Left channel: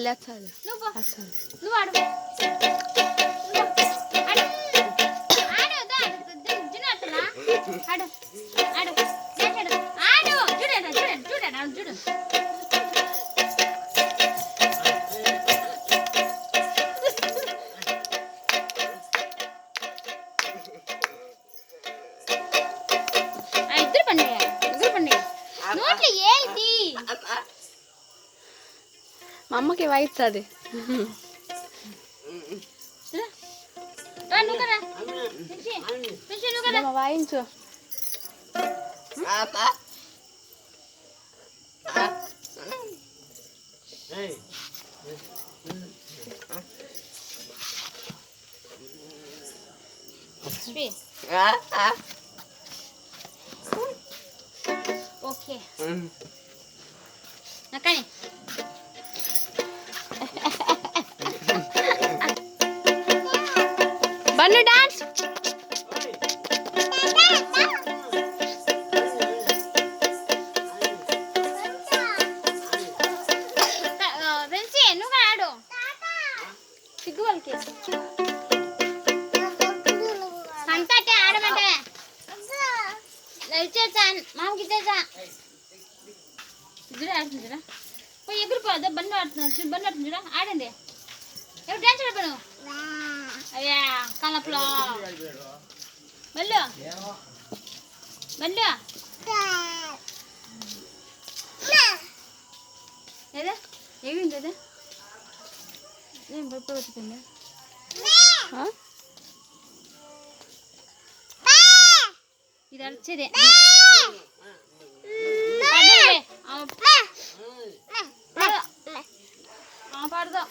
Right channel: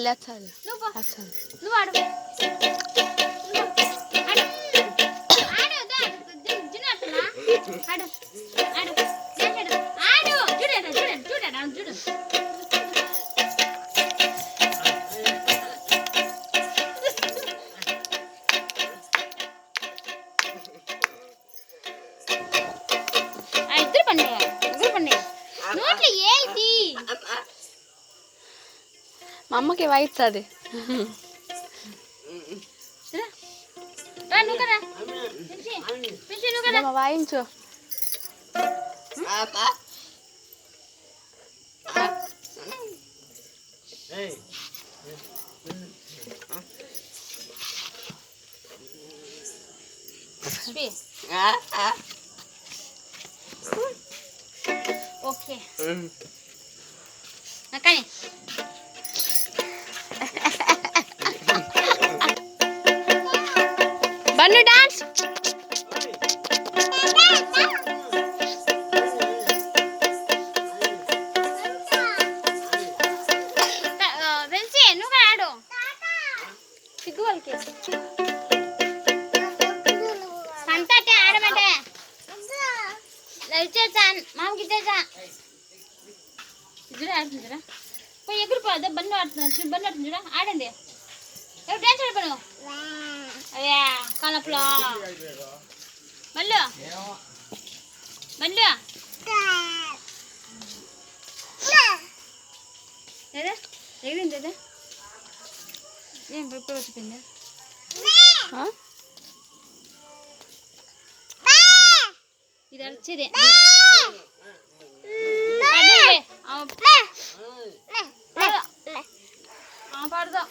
లేచాలి మా అమ్మకి వాయిస్తుంది వాయించు ఓకే కానీ బన్ను డాన్స్ నువ్వు ఆడు సిగ్గు వాళ్ళకి సంతటే ఆడమంటే ఇచ్చేసా మామకి ఇచ్చేసా చూడ ఆడుతుందిరా పోయి ఎగిరిపోదా బండి ఆడుతుంది చూడ ఆడండి ఎవరు డాన్స్ ఆడపను అదే కలపలో మళ్ళీ ఏదా ఎగిరింది అదే ఏం పడిపోతుందా ఇది వచ్చేదే పడదా